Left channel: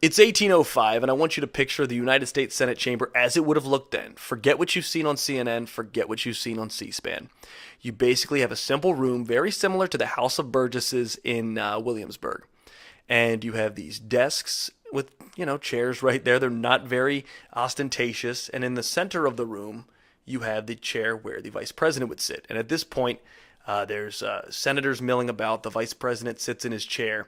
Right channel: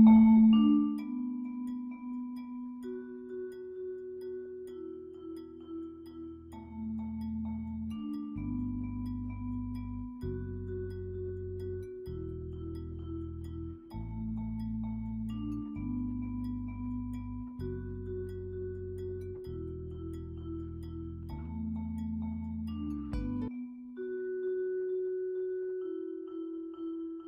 It's 1805, and I want you to picture the United States Senate chamber as it would have looked then. Forget what you've seen on CNN, forget what you've seen on C-SPAN. You basically have a simple room very similar to the House of Burgesses in Williamsburg. And you have these desks with, chairs right there. They're not very ostentatious. And in the center of the room, you have the chair where the vice president would sit. And at this point, there's senators milling about. The vice president sits in his chair.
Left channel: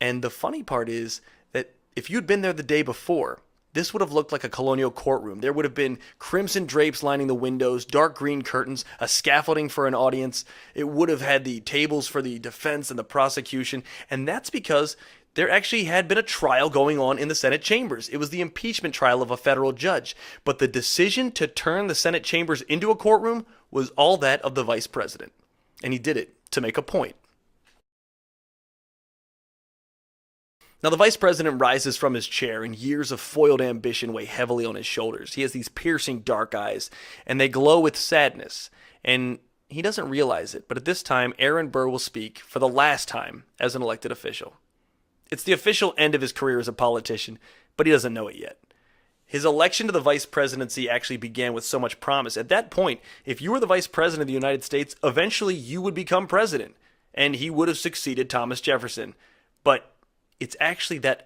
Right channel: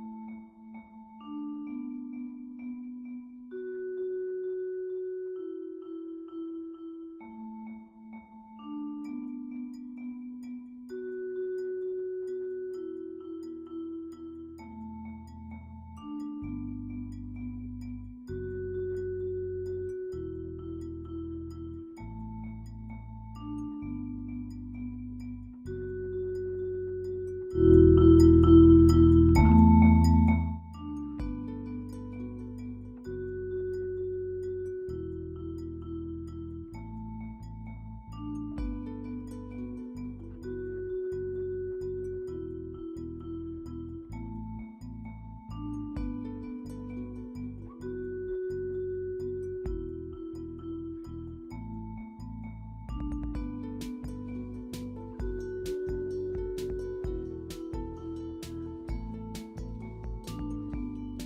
And the funny part is that if you'd been there the day before, this would have looked like a colonial courtroom. There would have been crimson drapes lining the windows, dark green curtains, a scaffolding for an audience. It would have had the tables for the defense and the prosecution, and that's because there actually had been a trial going on in the Senate chambers. It was the impeachment trial of a federal judge, but the decision to turn the Senate chambers into a courtroom was all that of the vice president, and he did it to make a point. Now, the vice president rises from his chair, and years of foiled ambition weigh heavily on his shoulders. He has these piercing dark eyes, and they glow with sadness, and he doesn't realize it, but at this time, Aaron Burr will speak for the last time as an elected official. It's the official end of his career as a politician, but he doesn't know it yet. His election to the vice presidency actually began with so much promise. At that point, if you were the vice president of the United States, eventually you would become president, and he would have succeeded Thomas Jefferson. But it's actually that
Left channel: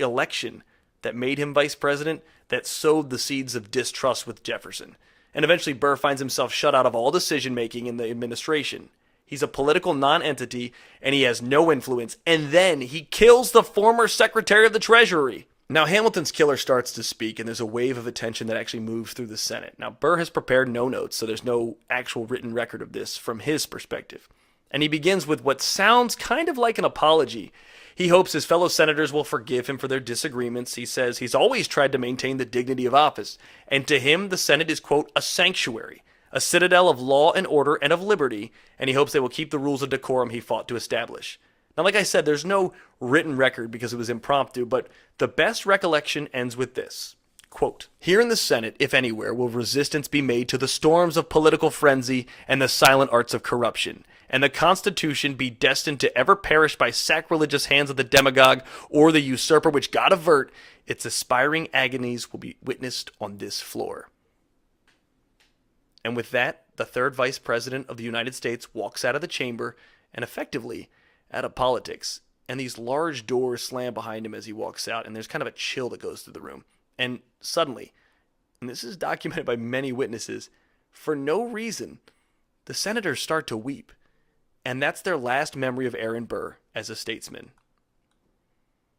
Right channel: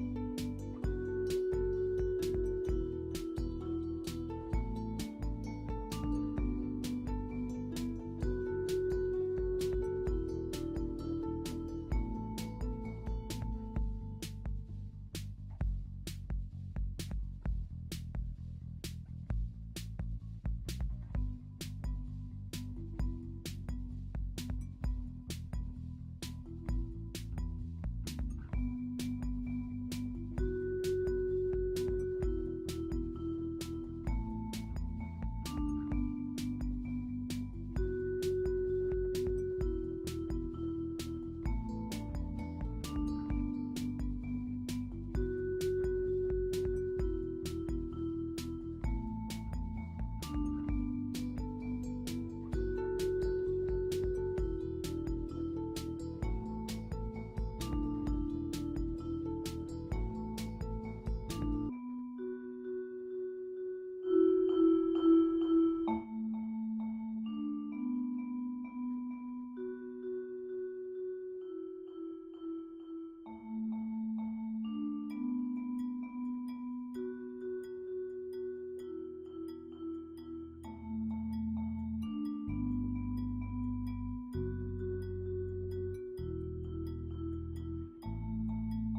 election that made him vice president that sowed the seeds of distrust with Jefferson. And eventually Burr finds himself shut out of all decision making in the administration. He's a political non-entity and he has no influence. And then he kills the former Secretary of the Treasury. Now Hamilton's killer starts to speak and there's a wave of attention that actually moves through the Senate. Now Burr has prepared no notes, so there's no actual written record of this from his perspective. And he begins with what sounds kind of like an apology. He hopes his fellow senators will forgive him for their disagreements. He says he's always tried to maintain the dignity of office, and to him the Senate is, quote, a sanctuary, a citadel of law and order and of liberty, and he hopes they will keep the rules of decorum he fought to establish. Now, like I said, there's no written record because it was impromptu, but the best recollection ends with this. Quote, here in the Senate, if anywhere, will resistance be made to the storms of political frenzy and the silent arts of corruption, and the Constitution be destined to ever perish by sacrilegious hands of the demagogue or the usurper, which God avert, its aspiring agonies will be witnessed on this floor. And with that, the third vice president of the United States walks out of the chamber and effectively out of politics. And these large doors slam behind him as he walks out, and there's kind of a chill that goes through the room. And suddenly, and this is documented by many witnesses, for no reason, the senators start to weep. And that's their last memory of Aaron Burr as a statesman.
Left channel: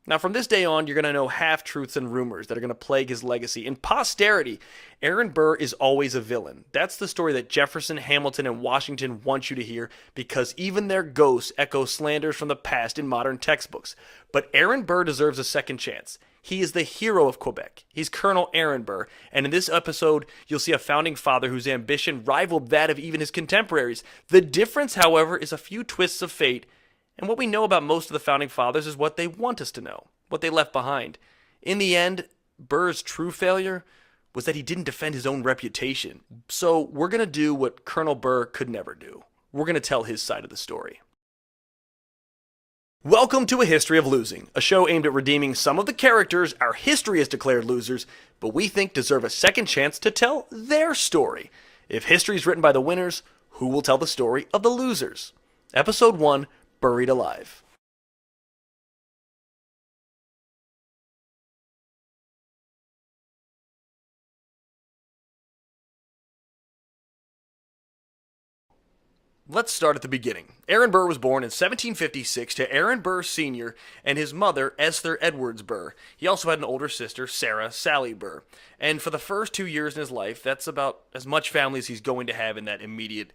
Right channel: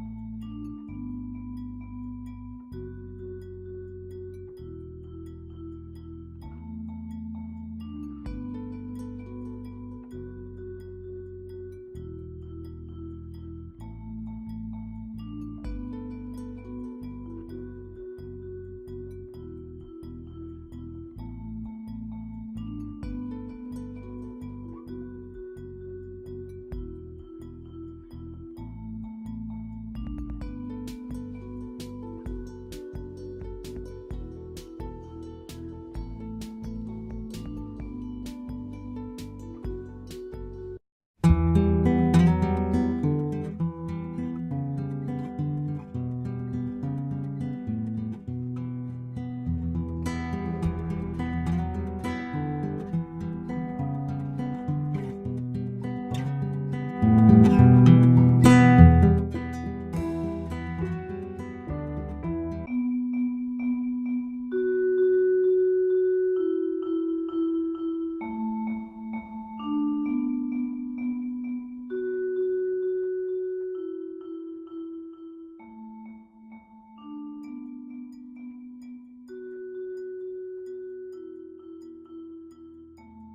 Now, from this day on, you're going to know half-truths and rumors that are going to plague his legacy. In posterity, Aaron Burr is always a villain. That's the story that Jefferson, Hamilton, and Washington want you to hear because even their ghosts echo slanders from the past in modern textbooks. But Aaron Burr deserves a second chance. He is the hero of Quebec. He's Colonel Aaron Burr, and in this episode, you'll see a founding father whose ambition rivaled that of even his contemporaries. The difference, however, is a few twists of fate, and what we know about most of the founding fathers is what they want us to know, what they left behind. In the end, Burr's true failure was that he didn't defend his own reputation. So we're going to do what Colonel Burr could never do. We're going to tell his side of the story. Welcome to A History of Losing, a show aimed at redeeming some of the characters our history has declared losers, but we think deserve a second chance to tell their story. If history is written by the winners, who will tell the story of the losers? Episode 1, Buried Alive. Let's start at the beginning. Aaron Burr was born in 1756 to Aaron Burr Sr. and his mother, Esther Edwards Burr. He also had an older sister, Sarah Sally Burr. And for the first 2 years in his life, that's about as much family as he's going to have in that immediate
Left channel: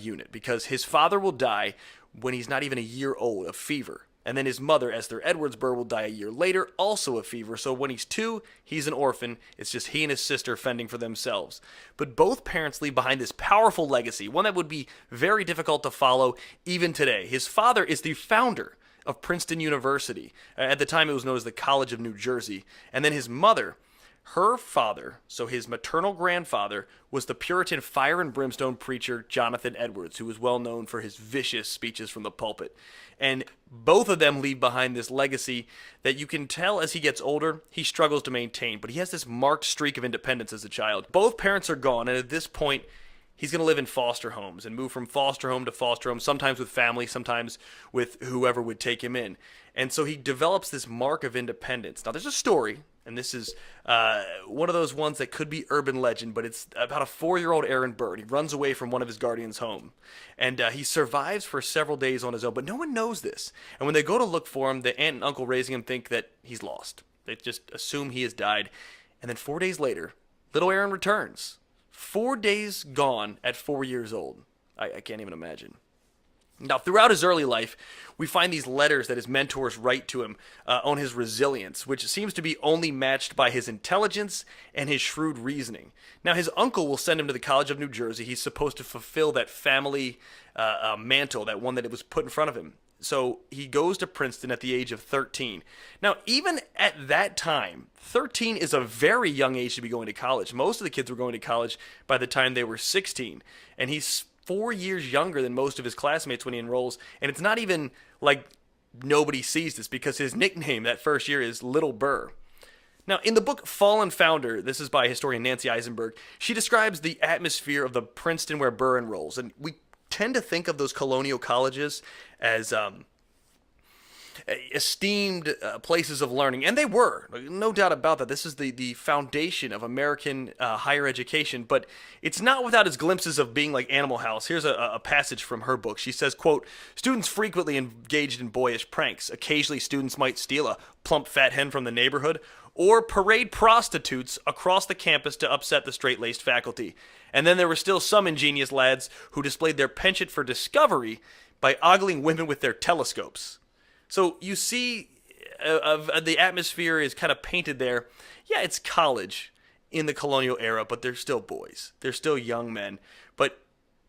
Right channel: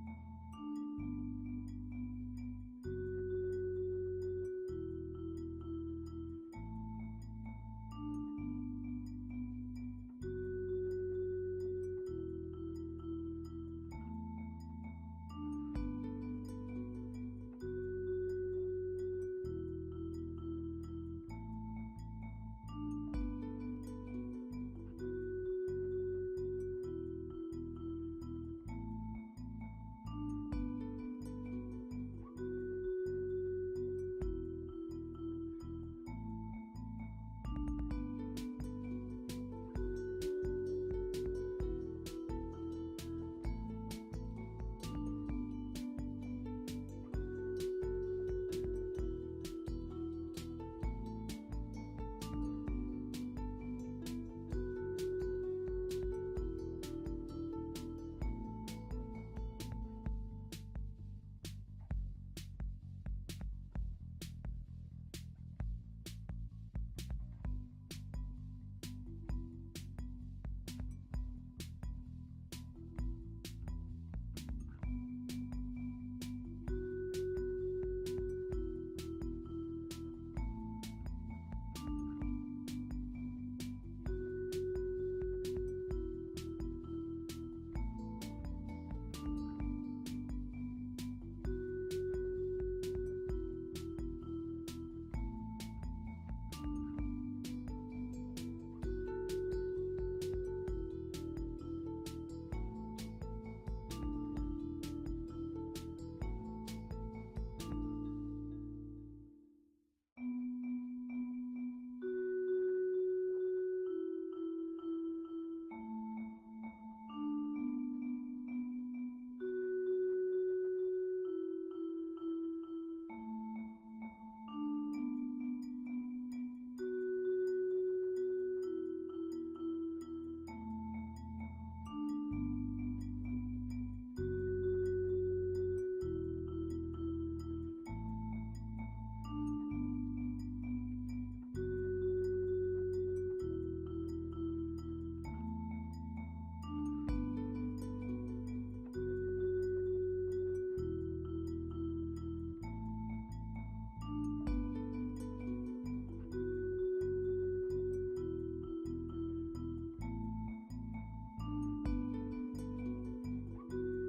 unit, because his father will die when he's not even a year old of fever. And then his mother, Esther Edwards Burr, will die a year later, also of fever. So when he's 2, he's an orphan. It's just he and his sister fending for themselves. But both parents leave behind this powerful legacy, one that would be very difficult to follow even today. His father is the founder of Princeton University. At the time, it was known as the College of New Jersey. And then his mother, her father, so his maternal grandfather, was the Puritan fire and brimstone preacher Jonathan Edwards, who was well known for his vicious speeches from the pulpit. And Both of them leave behind this legacy that you can tell as he gets older, he struggles to maintain, but he has this marked streak of independence as a child. Both parents are gone, and at this point, he's going to live in foster homes and move from foster home to foster home, sometimes with family, sometimes with whoever would take him in. And so he develops this mark of independence. Now, there's a story, and this is one of those ones that could be urban legend, but it's about a 4-year-old Aaron Burr. He runs away from one of his guardians' home, and he survives for several days on his own, but no one knows this. And when they go to look for him, the aunt and uncle raising him think that he's lost. They just assume he has died. And then 4 days later, little Aaron returns. 4 days gone at 4 years old. I can't even imagine. Now, throughout his early life, we find these letters that his mentors write to him on his resilience, which seems to be only matched by his intelligence and his shrewd reasoning. Now, his uncle will send him to the College of New Jersey. He's supposed to fulfill that family mantle, that one that it was put in front of him. So he goes to Princeton at the age of 13. Now, even at that time, 13 is a very young age to be going to college. Most of the kids were going to college by the time they were 16. And he's 4 years younger than most of his classmates when he enrolls. And it's not even like nobody sees this, because his nickname that first year is Little Burr. Now, in the book Fallen Founder, this is by historian Nancy Eisenberg, she describes the atmosphere of the Princeton where Burr enrolls. And we tend to think of those colonial colleges as esteemed places of learning, and they were, no doubt about that. This is the foundation of American higher education, but it's not without its glimpses of being like Animal House. Here's a passage from her book. She says, quote, "Students frequently engaged in boyish pranks. Occasionally students might steal a plump fat hen from the neighborhood or parade prostitutes across the campus to upset the straight-laced faculty. And then there were still some ingenious lads who displayed their penchant for discovery by ogling women with their telescopes." So you see, the atmosphere is kind of painted there. Yeah, it's college in the colonial era, but they're still boys. They're still young men. But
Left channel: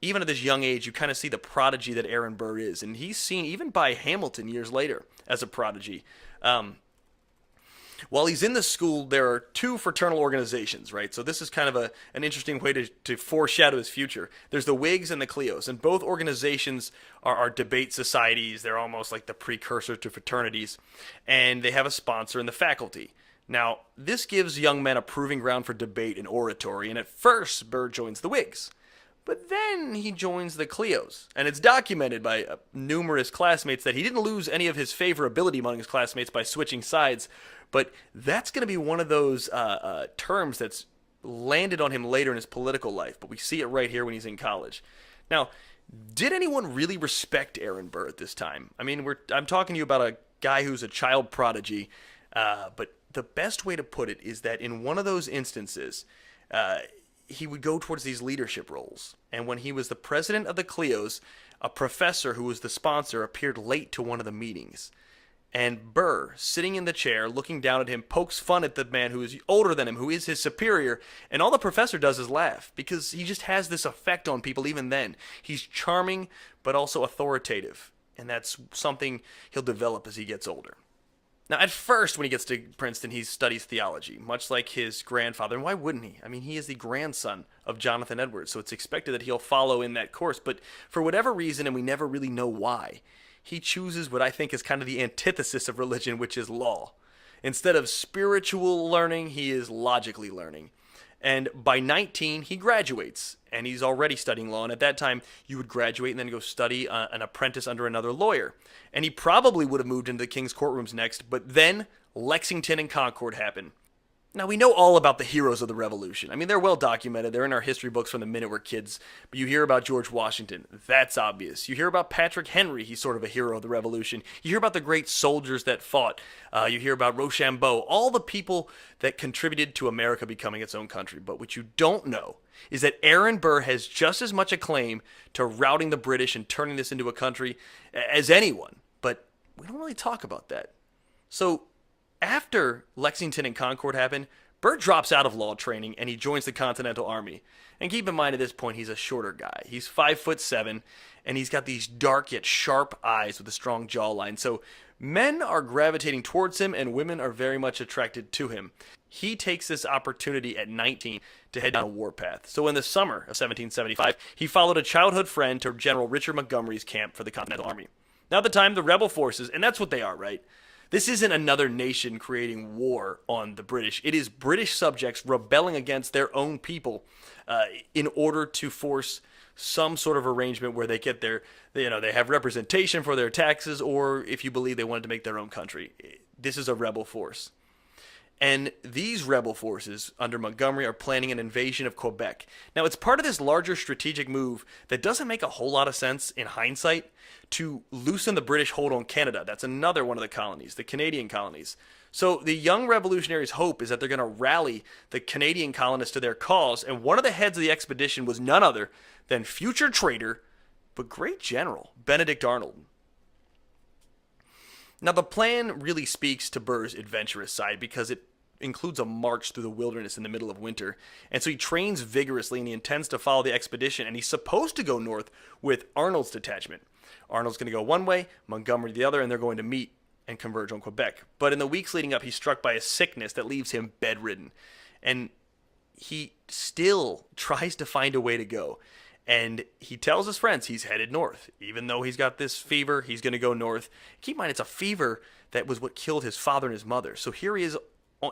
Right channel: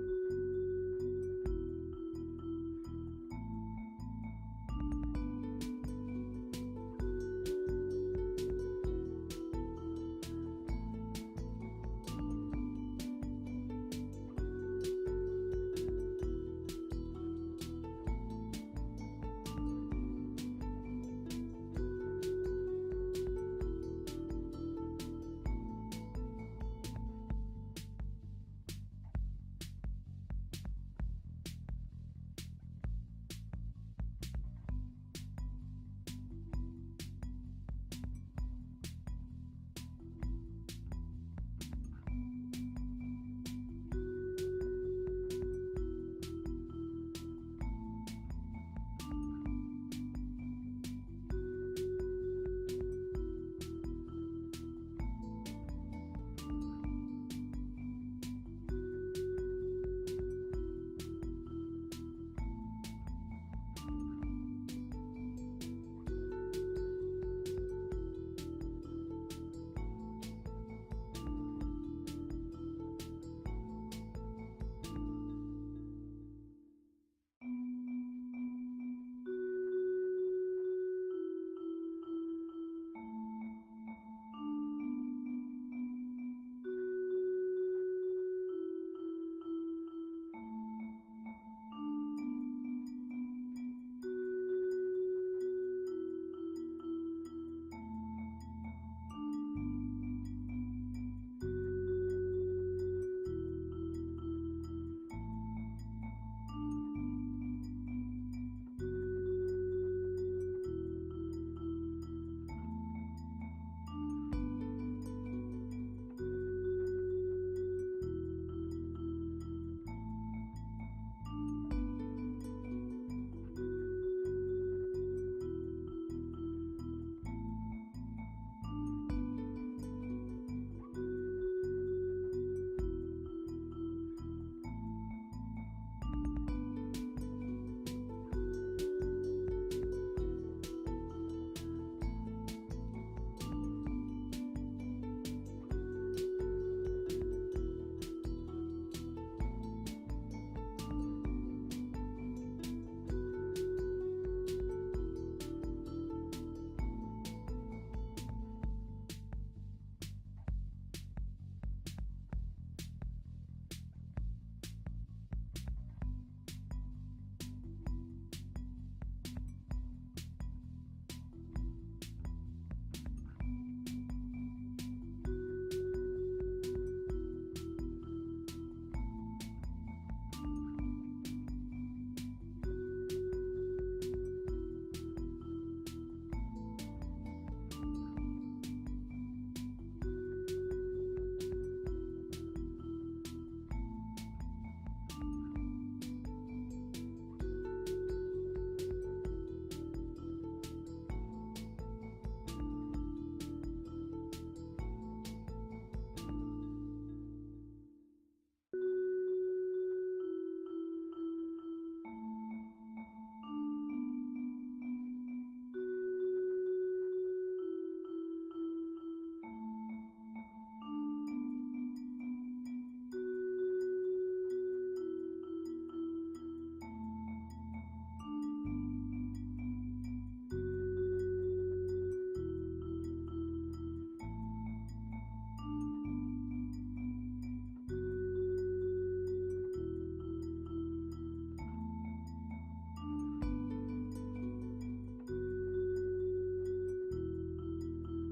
even at this young age, you kind of see the prodigy that Aaron Burr is. And he's seen even by Hamilton years later as a prodigy. While he's in the school, there are two fraternal organizations, right? So this is kind of an interesting way to foreshadow his future. There's the Whigs and the Clios, and both organizations are debate societies. They're almost like the precursor to fraternities, and they have a sponsor in the faculty. Now, this gives young men a proving ground for debate and oratory, and at first, Burr joins the Whigs. But then he joins the Clios, and it's documented by numerous classmates that he didn't lose any of his favorability among his classmates by switching sides. But that's going to be one of those terms that's landed on him later in his political life. But we see it right here when he's in college. Now, did anyone really respect Aaron Burr at this time? I mean, I'm talking to you about a guy who's a child prodigy. But the best way to put it is that in one of those instances, he would go towards these leadership roles. And when he was the president of the Clios, a professor who was the sponsor appeared late to one of the meetings. And Burr, sitting in the chair, looking down at him, pokes fun at the man who is older than him, who is his superior, and all the professor does is laugh, because he just has this effect on people even then. He's charming, but also authoritative, and that's something he'll develop as he gets older. Now, at first, when he gets to Princeton, he studies theology, much like his grandfather, and why wouldn't he? I mean, he is the grandson of Jonathan Edwards, so it's expected that he'll follow in that course, but for whatever reason, and we never really know why, he chooses what I think is kind of the antithesis of religion, which is law. Instead of spiritual learning, he is logically learning. And by 19, he graduates, and he's already studying law. And at that time, you would graduate and then go study an apprentice under another lawyer. And he probably would have moved into the king's courtrooms next, but then Lexington and Concord happened. Now, we know all about the heroes of the Revolution. I mean, they're well documented. They're in our history books from the minute we're kids. But you hear about George Washington. That's obvious. You hear about Patrick Henry. He's sort of a hero of the Revolution. You hear about the great soldiers that fought. You hear about Rochambeau. All the people that contributed to America becoming its own country. But what you don't know is that Aaron Burr has just as much a claim to routing the British and turning this into a country as anyone. But we don't really talk about that. So, after Lexington and Concord happened, Burr drops out of law training and he joins the Continental Army. And keep in mind at this point, he's a shorter guy. He's 5'7", and he's got these dark yet sharp eyes with a strong jawline. So men are gravitating towards him and women are very much attracted to him. He takes this opportunity at 19 to head down a warpath. So in the summer of 1775, he followed a childhood friend to General Richard Montgomery's camp for the Continental Army. Now at the time, the rebel forces, and that's what they are, right? This isn't another nation creating war on the British. It is British subjects rebelling against their own people in order to force some sort of arrangement where they get they have representation for their taxes, or if you believe they wanted to make their own country. This is a rebel force. And these rebel forces under Montgomery are planning an invasion of Quebec. Now, it's part of this larger strategic move that doesn't make a whole lot of sense in hindsight to loosen the British hold on Canada. That's another one of the colonies, the Canadian colonies. So the young revolutionaries' hope is that they're going to rally the Canadian colonists to their cause, and one of the heads of the expedition was none other than future traitor, but great general, Benedict Arnold. Now, the plan really speaks to Burr's adventurous side because it includes a march through the wilderness in the middle of winter, and so he trains vigorously and he intends to follow the expedition, and he's supposed to go north with Arnold's detachment. Arnold's going to go one way, Montgomery the other, and they're going to meet and converge on Quebec. But in the weeks leading up, he's struck by a sickness that leaves him bedridden, and he still tries to find a way to go. And he tells his friends he's headed north. Even though he's got this fever, he's going to go north. Keep in mind, it's a fever that was what killed his father and his mother. So here he is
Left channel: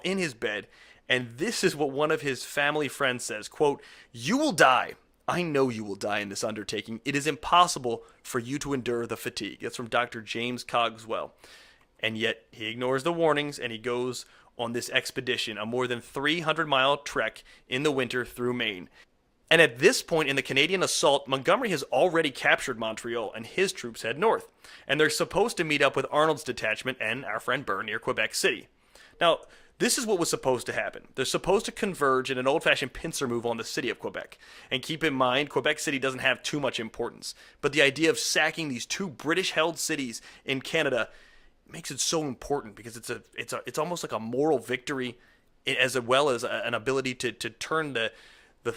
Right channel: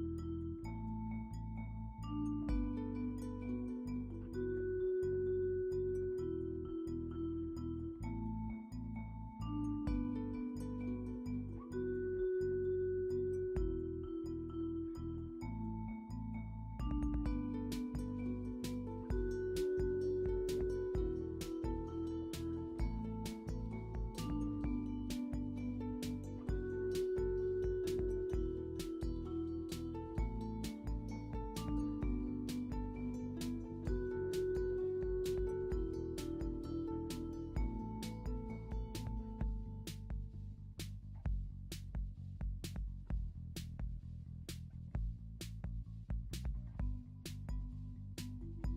in his bed, and this is what one of his family friends says, quote, "You will die. I know you will die in this undertaking. It is impossible for you to endure the fatigue." That's from Dr. James Cogswell. And yet he ignores the warnings and he goes on this expedition, a more than 300-mile trek in the winter through Maine. And at this point in the Canadian assault, Montgomery has already captured Montreal, and his troops head north. And they're supposed to meet up with Arnold's detachment and our friend Burr near Quebec City. Now, this is what was supposed to happen. They're supposed to converge in an old-fashioned pincer move on the city of Quebec. And keep in mind, Quebec City doesn't have too much importance. But the idea of sacking these two British-held cities in Canada makes it so important because it's almost like a moral victory, as well as an ability to turn the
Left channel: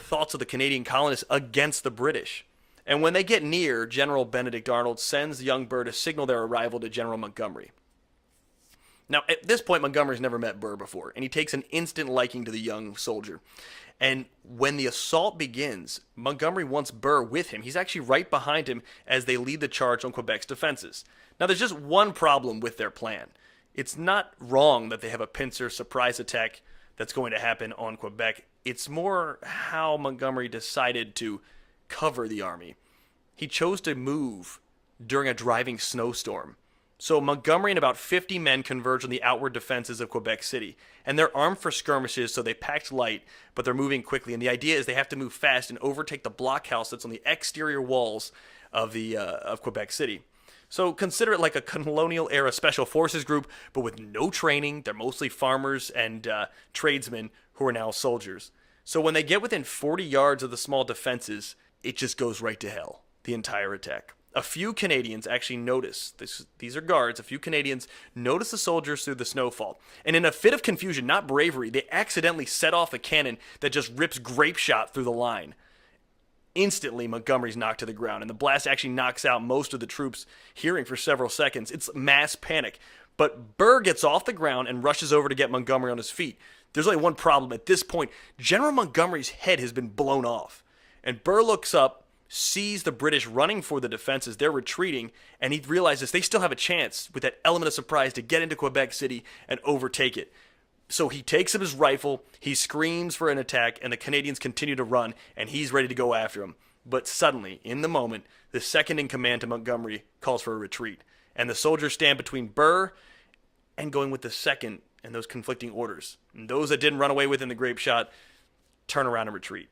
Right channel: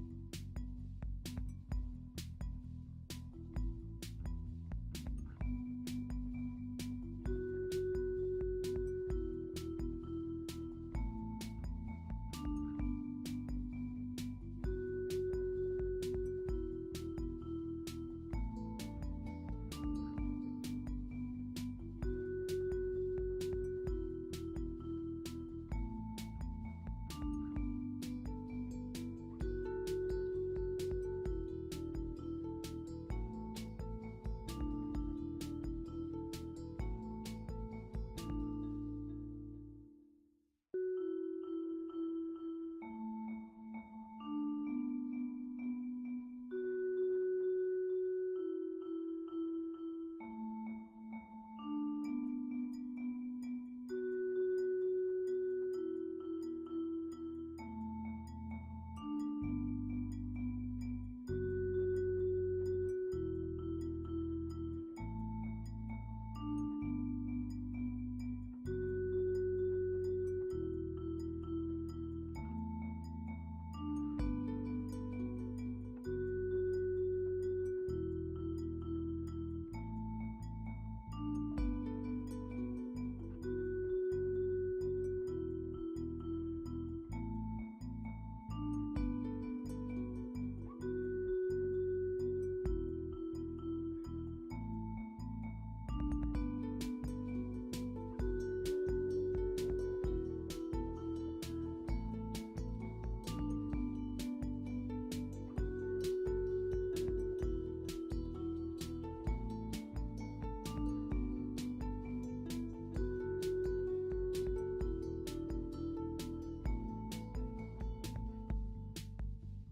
thoughts of the Canadian colonists against the British. And when they get near, General Benedict Arnold sends young Burr to signal their arrival to General Montgomery. Now, at this point, Montgomery's never met Burr before, and he takes an instant liking to the young soldier. And when the assault begins, Montgomery wants Burr with him. He's actually right behind him as they lead the charge on Quebec's defenses. Now, there's just one problem with their plan. It's not wrong that they have a pincer surprise attack that's going to happen on Quebec. It's more how Montgomery decided to cover the army. He chose to move during a driving snowstorm. So Montgomery and about 50 men converge on the outward defenses of Quebec City, and they're armed for skirmishes, so they packed light, but they're moving quickly, and the idea is they have to move fast and overtake the blockhouse that's on the exterior walls of Quebec City. So consider it like a colonial-era special forces group, but with no training. They're mostly farmers and tradesmen who are now soldiers. So when they get within 40 yards of the small defenses, it just goes right to hell, the entire attack. A few Canadians actually notice, these are guards, a few Canadians notice the soldiers through the snowfall. And in a fit of confusion, not bravery, they accidentally set off a cannon that just rips grape shot through the line. Instantly, Montgomery's knocked to the ground, and the blast actually knocks out most of the troops, hearing for several seconds. It's mass panic. But Burr gets off the ground and rushes over to get Montgomery on his feet. There's only one problem. At this point, General Montgomery's head has been blown off. And Burr looks up, sees the British running for the defenses. They're retreating, and he realizes they still have a chance with that element of surprise to get into Quebec City and overtake it. So he takes up his rifle, he screams for an attack, and the Canadians continue to run, and he's ready to go after him. But suddenly, in the moment, the second in command to Montgomery calls for a retreat, and the soldiers stand between Burr and going with the second and those conflicting orders. And those that didn't run away within the grape shot turn around and retreat.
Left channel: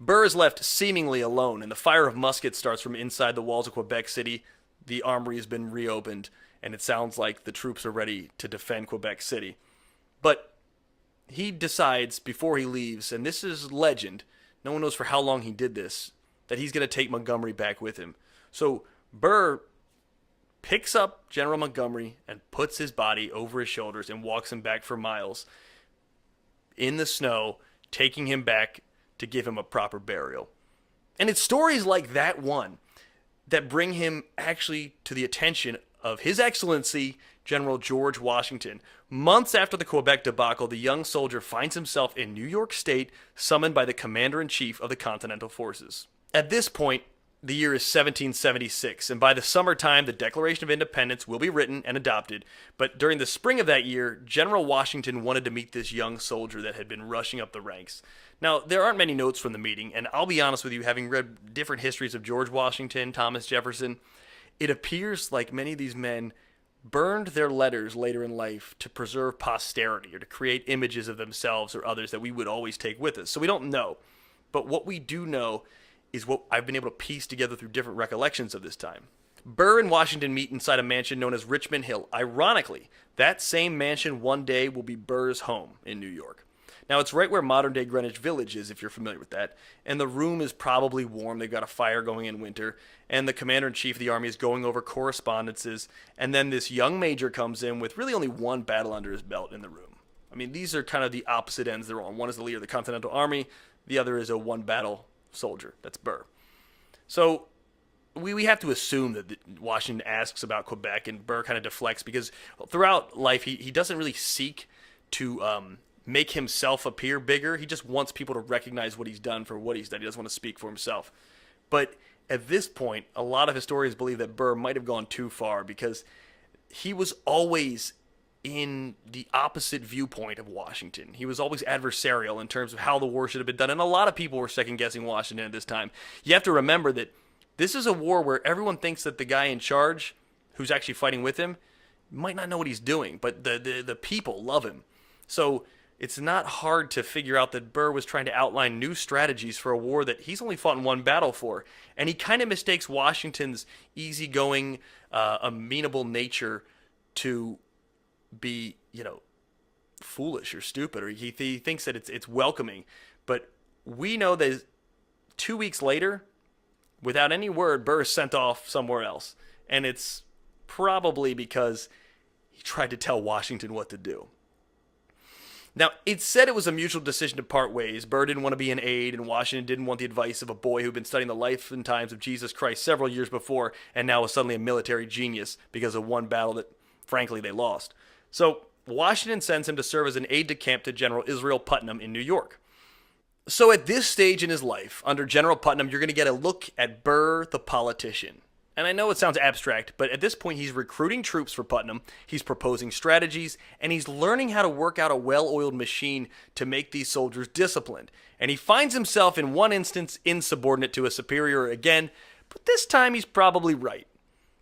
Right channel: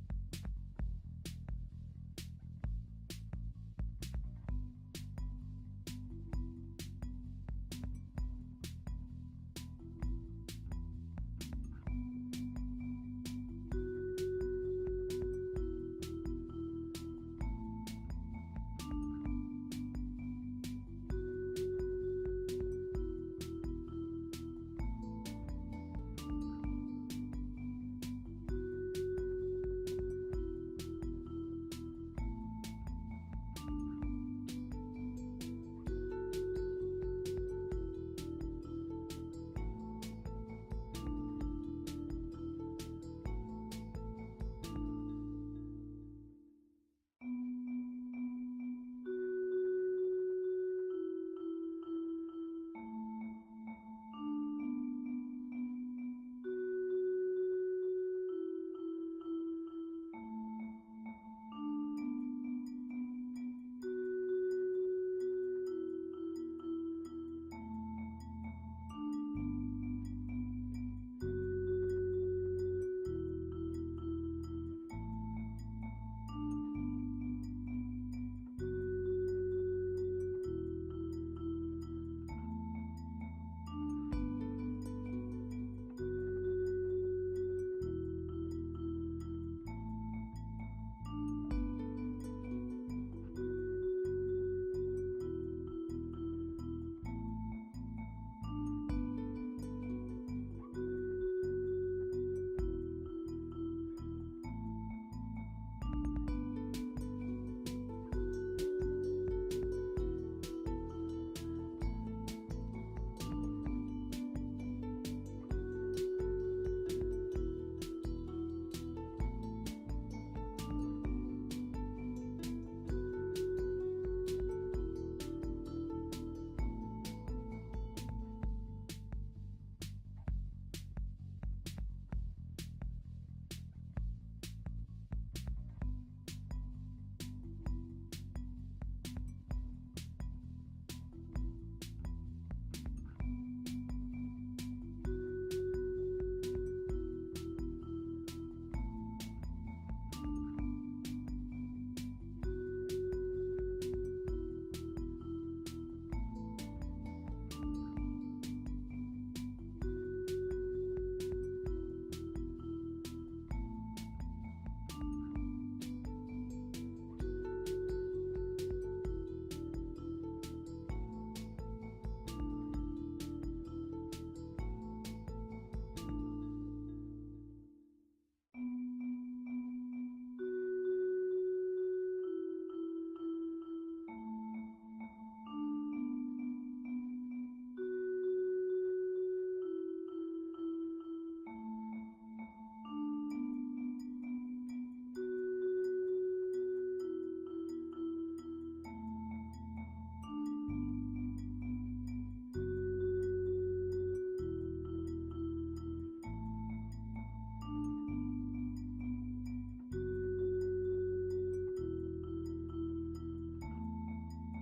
Burr is left seemingly alone, and the fire of muskets starts from inside the walls of Quebec City. The armory has been reopened, and it sounds like the troops are ready to defend Quebec City. But he decides before he leaves, and this is legend, no one knows for how long he did this, that he's going to take Montgomery back with him. So Burr picks up General Montgomery and puts his body over his shoulders and walks him back for miles in the snow, taking him back to give him a proper burial. And it's stories like that one that bring him actually to the attention of His Excellency General George Washington. Months after the Quebec debacle, the young soldier finds himself in New York State, summoned by the Commander-in-Chief of the Continental Forces. At this point, The year is 1776, and by the summertime, the Declaration of Independence will be written and adopted. But during the spring of that year, General Washington wanted to meet this young soldier that had been rushing up the ranks. Now, there aren't many notes from the meeting, and I'll be honest with you, having read different histories of George Washington, Thomas Jefferson, it appears like many of these men burned their letters later in life to preserve posterity or to create images of themselves or others that we would always take with us. So we don't know. But what we do know is what I've been able to piece together through different recollections of this time. Burr and Washington meet inside a mansion known as Richmond Hill. Ironically, that same mansion one day will be Burr's home in New York. Now, it's right where modern-day Greenwich Village is, if you're familiar with that, and the room is probably warm. They've got a fire going in winter, and the commander-in-chief of the army is going over correspondences, and then this young major comes in with really only one battle under his belt in the room. I mean, these are kind of the opposite ends they're on. One is the leader of the Continental Army, the other is a one-battle soldier. That's Burr. So we have to assume that Washington asks about Quebec, and Burr kind of deflects because throughout life he doesn't really seek to make himself appear bigger. He just wants people to recognize what he's done for what he's done. He doesn't want to speak for himself. But at this point, a lot of historians believe that Burr might have gone too far because he was always in the opposite viewpoint of Washington. He was always adversarial in terms of how the war should have been done, and a lot of people were second-guessing Washington at this time. You have to remember that this is a war where everyone thinks that the guy in charge, who's actually fighting with him, might not know what he's doing, but the people love him. So it's not hard to figure out that Burr was trying to outline new strategies for a war that he's only fought in one battle for, and he kind of mistakes Washington's easygoing, amenable nature to be, foolish or stupid, or he thinks that it's welcoming. But we know that 2 weeks later, without any word, Burr is sent off somewhere else, and it's probably because he tried to tell Washington what to do. Now, it's said it was a mutual decision to part ways. Burr didn't want to be an aide, and Washington didn't want the advice of a boy who'd been studying the life and times of Jesus Christ several years before, and now was suddenly a military genius because of one battle that, frankly, they lost. So Washington sends him to serve as an aide-de-camp to General Israel Putnam in New York. So at this stage in his life, under General Putnam, you're going to get a look at Burr the politician. And I know it sounds abstract, but at this point he's recruiting troops for Putnam, he's proposing strategies, and he's learning how to work out a well-oiled machine to make these soldiers disciplined. And he finds himself in one instance insubordinate to a superior again, but this time he's probably right.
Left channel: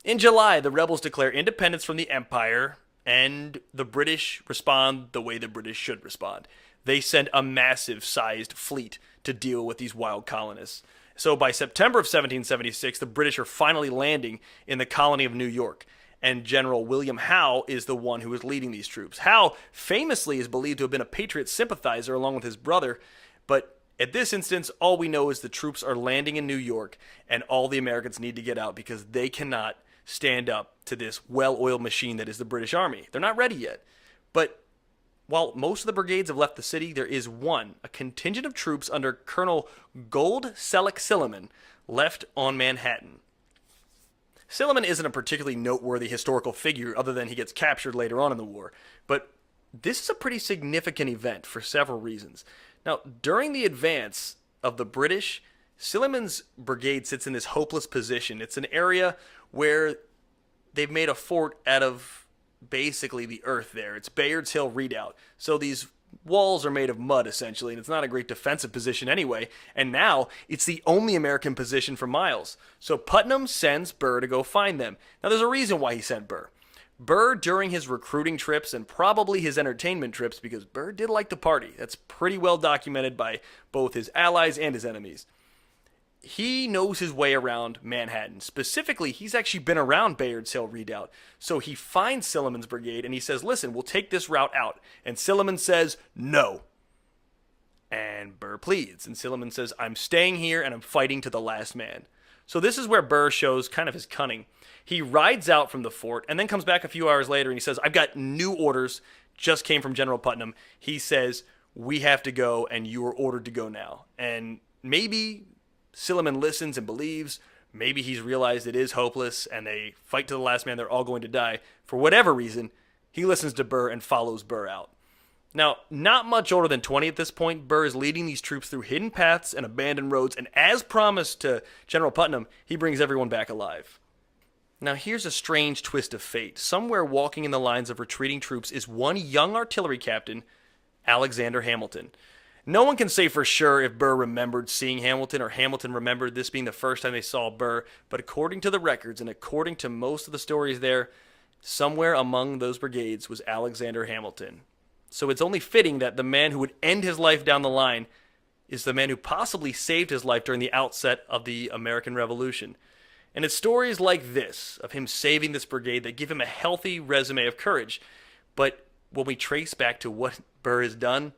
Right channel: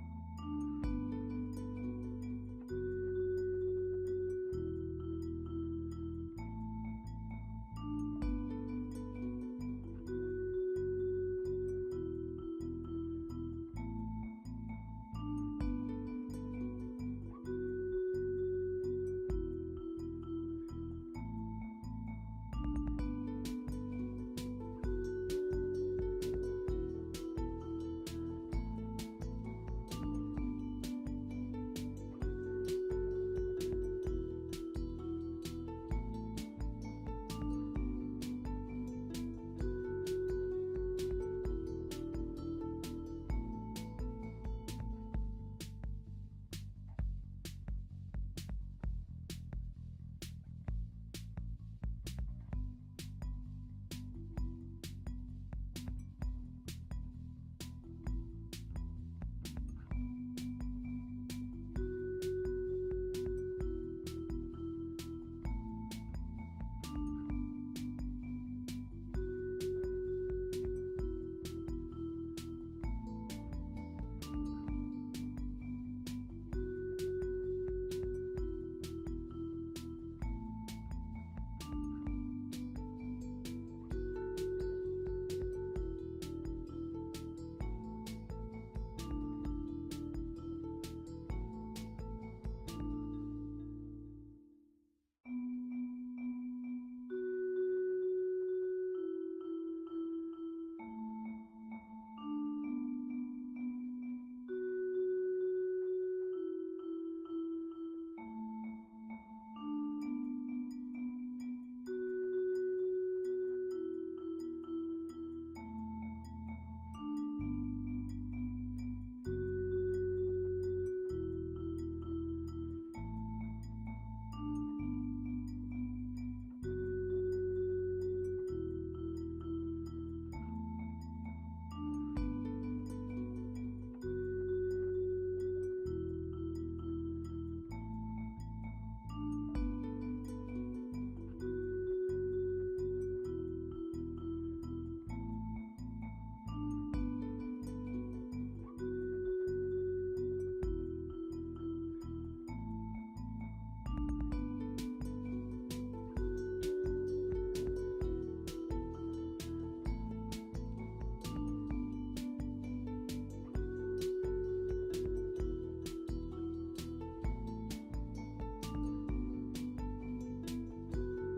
In July, the rebels declare independence from the Empire, and the British respond the way the British should respond. They send a massive-sized fleet to deal with these wild colonists. So by September of 1776, the British are finally landing in the colony of New York, and General William Howe is the one who is leading these troops. Howe famously is believed to have been a Patriot sympathizer along with his brother, but at this instance, all we know is the troops are landing in New York, and all the Americans need to get out because they cannot stand up to this well-oiled machine that is the British Army. They're not ready yet. But while most of the brigades have left the city, there is a contingent of troops under Colonel Gold Selleck Silliman, left on Manhattan. Silliman isn't a particularly noteworthy historical figure other than he gets captured later on in the war, but this is a pretty significant event for several reasons. Now, during the advance of the British, Silliman's brigade sits in this hopeless position. It's an area where they've made a fort out of basically the earth there. It's Bayard's Hill Redoubt. So these walls are made of mud, essentially, and it's not a great defensive position anyway. And now, it's the only American position for miles. So Putnam sends Burr to go find them. Now, there's a reason why he sent Burr. Burr, during his recruiting trips and probably his entertainment trips, because Burr did like to party. That's pretty well documented by both his allies and his enemies. He knows his way around Manhattan. Specifically, he's actually been around Bayard's Hill Redoubt. So he finds Silliman's brigade and he says, listen, we'll take this route out. And Silliman says, no. And Burr pleads. And Silliman says, I'm staying here and I'm fighting to the last man. So this is where Burr shows kind of his cunning. He rides out from the fort and then comes back a few hours later and he says, I've got new orders, just came from General Putnam. He says, we have to go and you were ordered to go now. And maybe Silliman listens and believes. Maybe he's realized it is hopeless and they fight to the last man, they're all going to die. For whatever reason, he listens to Burr and follows Burr out. Now, not much older than 20 at this point, Burr is leading these troops through hidden paths and abandoned roads, and as promised to General Putnam, he brings everyone back alive. Now here's a strange twist of fate. Somewhere walking in the lines of retreating troops is one young artillery captain, Alexander Hamilton. No one can say for sure if Burr remembered seeing Hamilton or Hamilton remembered this being the first time they saw Burr, but according to the records and according to most of the stories there, somewhere among those brigades was Alexander Hamilton. So it's only fitting that the man who would end his life down the line is the man who possibly saved his life during the outset of the American Revolution. And it's stories like this, of him saving this brigade, that give him a healthy resume of courage. But when we trace back to what Burr has done,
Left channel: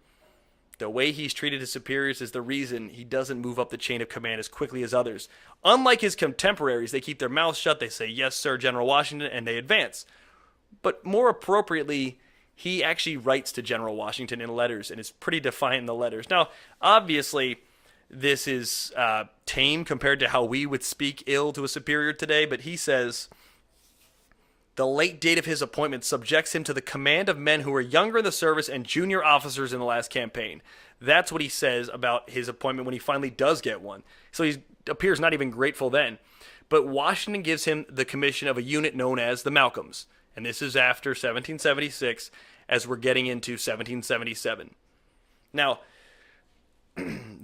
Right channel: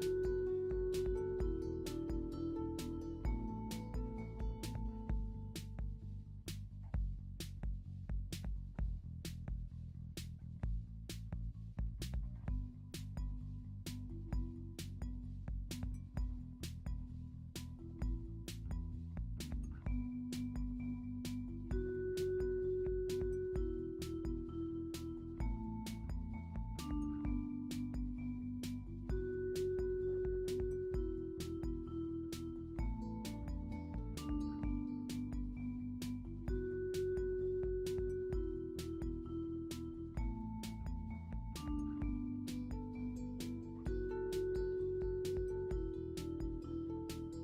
the way he's treated his superiors is the reason he doesn't move up the chain of command as quickly as others. Unlike his contemporaries, they keep their mouths shut, they say, "Yes, sir, General Washington," and they advance. But more appropriately, he actually writes to General Washington in letters, and is pretty defiant in the letters. Now, obviously, this is tame compared to how we would speak ill to a superior today, but he says, the late date of his appointment subjects him to the command of men who were younger in the service and junior officers in the last campaign. That's what he says about his appointment when he finally does get one. So he appears not even grateful then. But Washington gives him the commission of a unit known as the Malcolms. And this is after 1776, as we're getting into 1777. Now,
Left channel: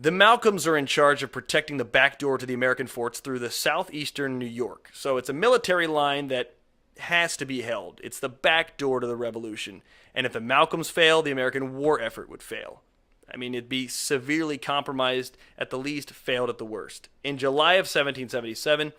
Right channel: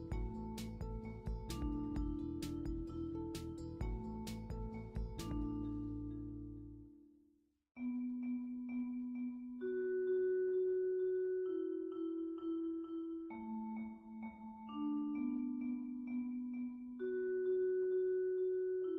the Malcolms are in charge of protecting the back door to the American forts through the southeastern New York. So it's a military line that has to be held. It's the back door to the revolution. And if the Malcolms fail, the American war effort would fail. I mean, it'd be severely compromised at the least, failed at the worst. In July of 1777,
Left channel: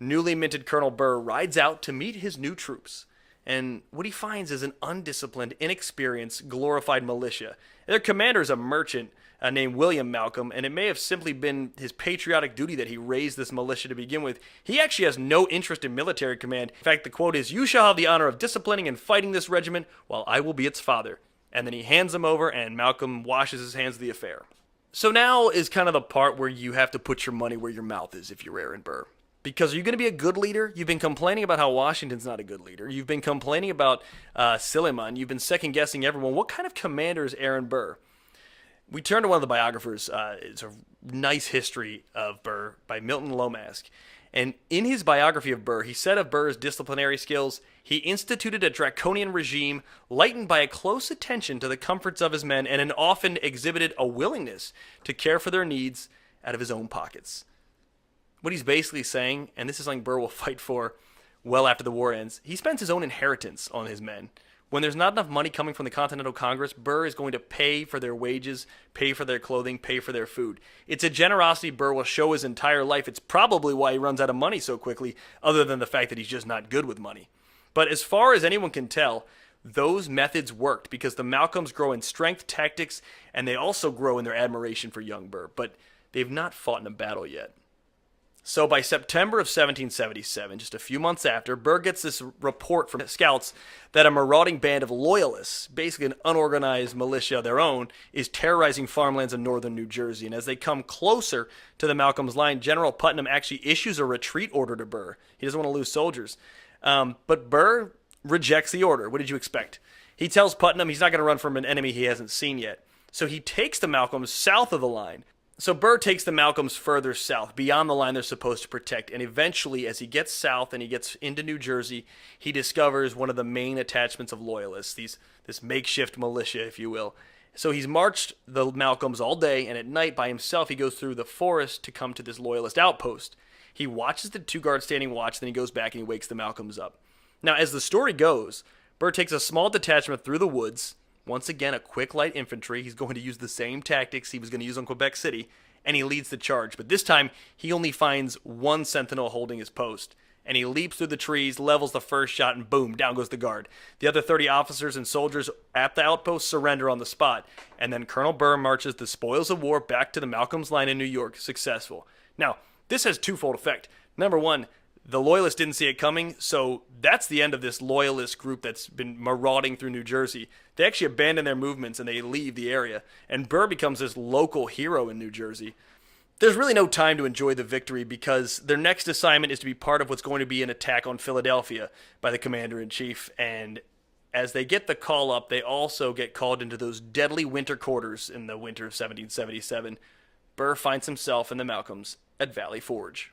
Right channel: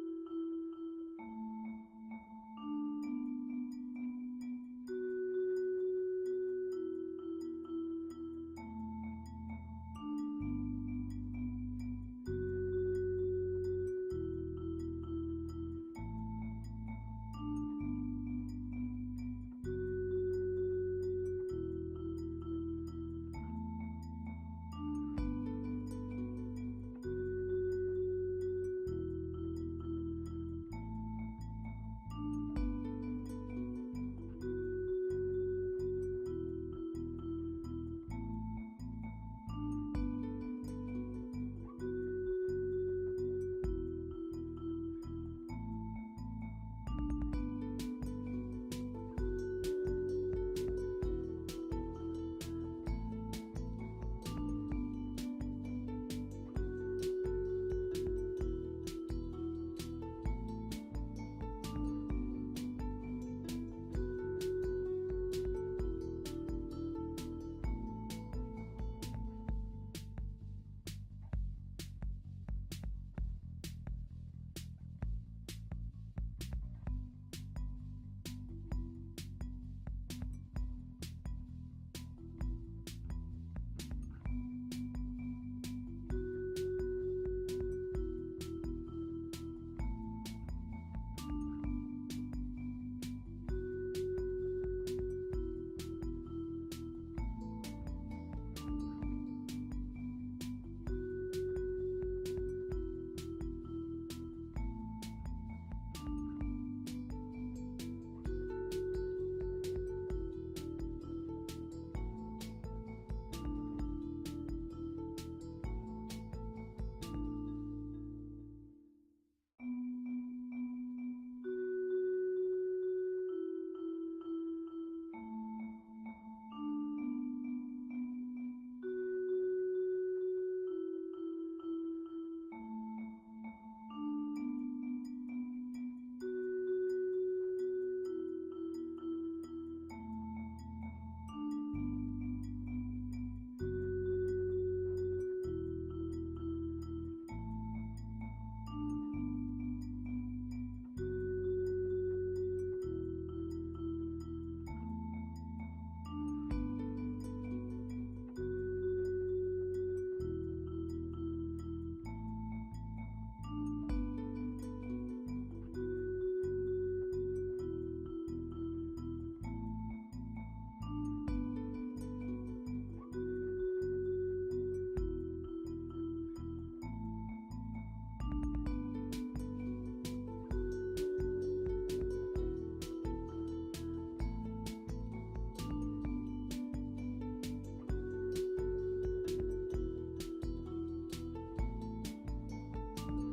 newly minted Colonel Burr rides out to meet his new troops. And what he finds is an undisciplined, inexperienced, glorified militia. Their commander is a merchant named William Malcolm, and it may have simply been his patriotic duty that he raised this militia to begin with. He actually has no interest in military command. In fact, the quote is, "You shall have the honor of disciplining and fighting this regiment, while I will be its father." And then he hands them over, and Malcolm washes his hands of the affair. So now is kind of the part where you have to put your money where your mouth is if you're Aaron Burr. Because are you going to be a good leader? You've been complaining about how Washington's not a good leader. You've been complaining about Silliman. You've been second-guessing everyone. What kind of commander is Aaron Burr? We turn to one of the biographers. It's a nice history of Burr by Milton Lomask. And in his biography of Burr, he said of Burr's disciplinary skills, he instituted a draconian regime lightened by a close attention to the comforts of his men and often exhibited a willingness to care for their needs out of his own pockets. What he's basically saying, and this is something Burr will fight for well after the war ends, he spends his own inheritance on his men. When there's not enough money coming from the Continental Congress, Burr is going to pay for their wages, pay for their clothing, pay for their food. It's a generosity Burr will show his entire life. It's probably why he runs out of money so quickly, other than the fact that he's just not good with money. But as far as anyone can tell, those methods worked because the Malcolms grow in strength, tactics, and they also grow in their admiration for young Burr, but they've not fought in a battle yet. So by September of 1777, just a few months after, Burr gets this report from scouts that a marauding band of loyalists, basically an unorganized militia of their own, is terrorizing farmlands in northern New Jersey. And as they come closer to the Malcolms line, General Putnam actually issues a retreat order to Burr. He doesn't want to lose soldiers. But Burr rejects the order. What did you expect? He tells Putnam he's not going to run from an enemy he hasn't seen yet. So he takes the Malcolms south of the line. So Burr takes the Malcolms further south, beyond the line they're supposed to protect, and eventually, as he gets south and he gets into New Jersey, he discovers one of the main attachments of loyalists, this makeshift militia, if you will. So he's marched the Malcolms all day, and at night, by himself, he goes through the forest to come to this loyalist outpost. He watches the two guards standing watch, then he goes back and he wakes the Malcolms up. Now, as the story goes, Burr takes a small detachment through the woods. Once again, a quick light infantry. He's going to use the same tactics he was going to use on Quebec City, and he leads the charge. But this time, he only finds one sentinel holding his post, and he leaps through the trees, levels the first shot, and boom, down goes the guard. The other 30 officers and soldiers at the outpost surrender on the spot, and then Colonel Burr marches the spoils of war back to the Malcolms line in New York, successful. Now, this has twofold effect. Number one, the Loyalists didn't see it coming, so that's the end of this Loyalist group that's been marauding through New Jersey. They actually abandon their movements and they leave the area, and Burr becomes this local hero in New Jersey. There's really no time to enjoy the victory because their next assignment is to be part of what's going to be an attack on Philadelphia by the commander-in-chief, and As they get the call up, they also get called into those deadly winter quarters in the winter of 1777. Burr finds himself and the Malcolms at Valley Forge.